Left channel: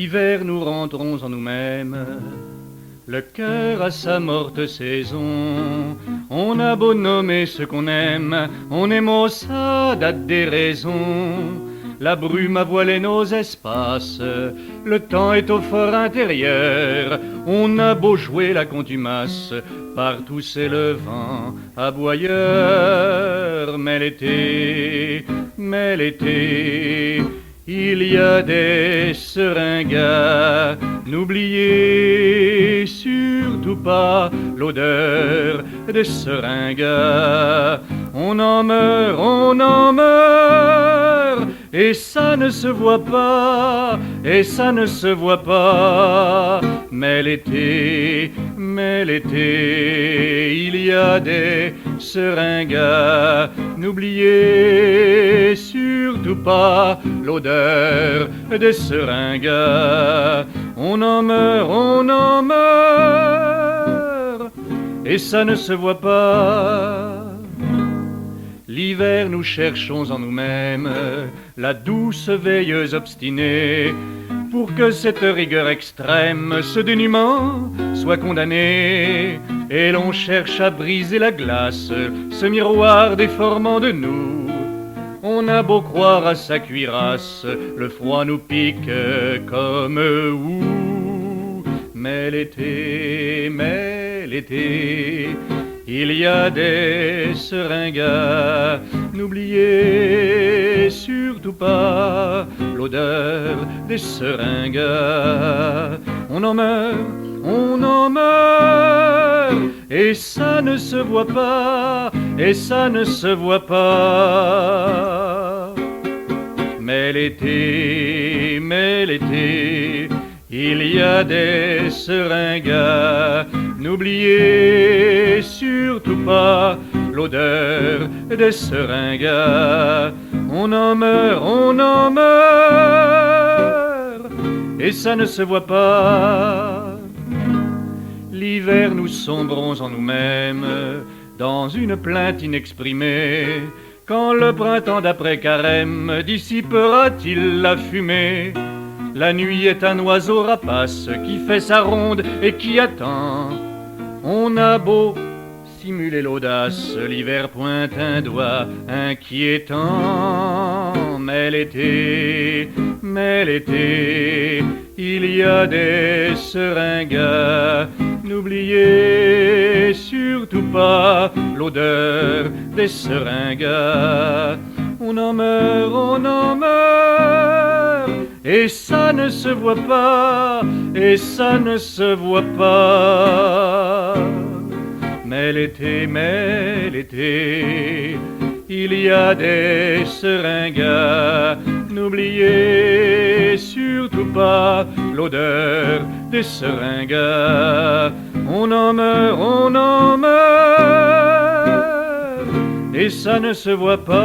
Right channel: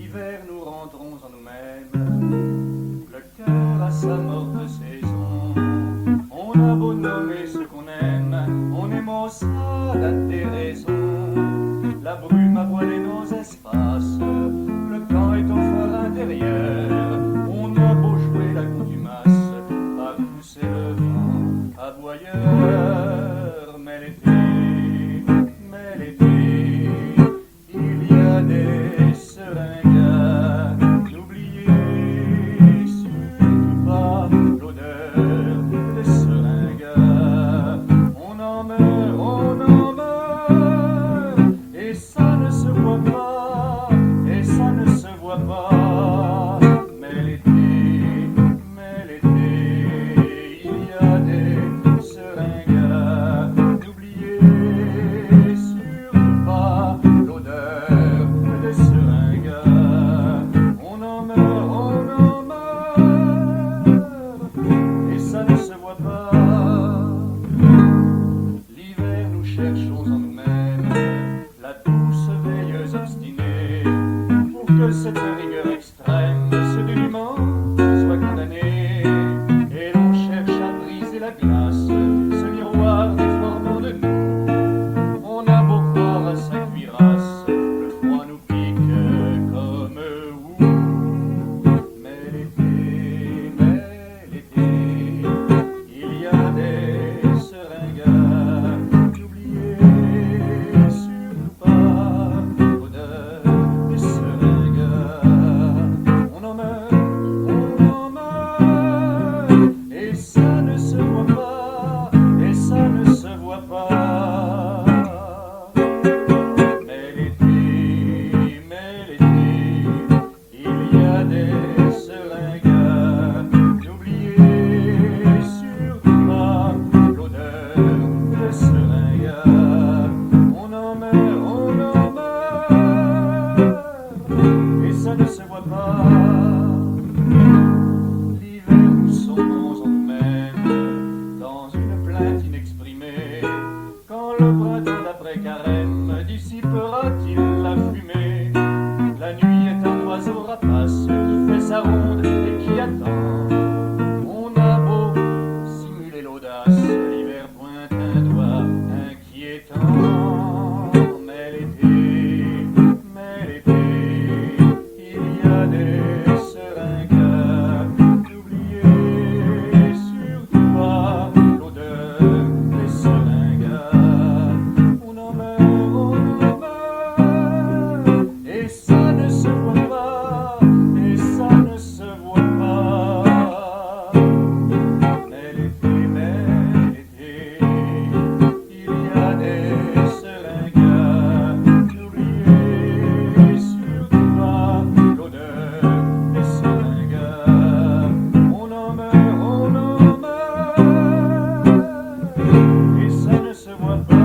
L'hiver nous rentrons en nous-mêmes, le cœur à sa morte saison. On a beau nommer ce qu'on aime, on est maussade à des raisons. La brume a voilé nos espaces, le temps est au fort intérieur. On a beau jouer la contumace, partout c'est le vent aboyeur. Mais l'été, il y a des seringas. N'oubliez surtout pas l'odeur des seringas. On en meurt, et ça ne se voit pas, et ça ne se voit pas. Mais l'été, il y a des seringas. N'oubliez surtout pas l'odeur des seringas. On en meurt, et ça ne se voit pas. L'hiver nous cherchons en nous-mêmes la douce veilleuse obstinée, pour que cette rigueur extrême, ce dénuement, soit condamné. Et l'on cherche à briser la glace, ce miroir déformant de nous. On a beau croire à sa cuirasse, le froid nous pique comme où. Mais l'été, il y a des seringas. N'oubliez surtout pas l'odeur des seringas. On en meurt, et ça ne se voit pas, et ça ne se voit pas. Mais l'été, il y a des seringas. N'oubliez surtout pas l'odeur des seringas. On en meurt, et ça ne se voit pas. L'hiver nous sombrons en nous-mêmes dans une plainte inexprimée. Quand le printemps d'après-carême dissipera-t-il la fumée? La nuit est un oiseau rapace qui fait sa ronde et qui attend. On a beau simuler l'audace, l'hiver pointe un doigt inquiétant. Mais l'été, il y a des seringas. N'oubliez surtout pas l'odeur des seringas. On en meurt, et ça ne se voit pas, et ça ne se voit pas. Mais l'été, il y a des seringas. N'oubliez surtout pas l'odeur des seringas. On en meurt, et ça ne se voit pas.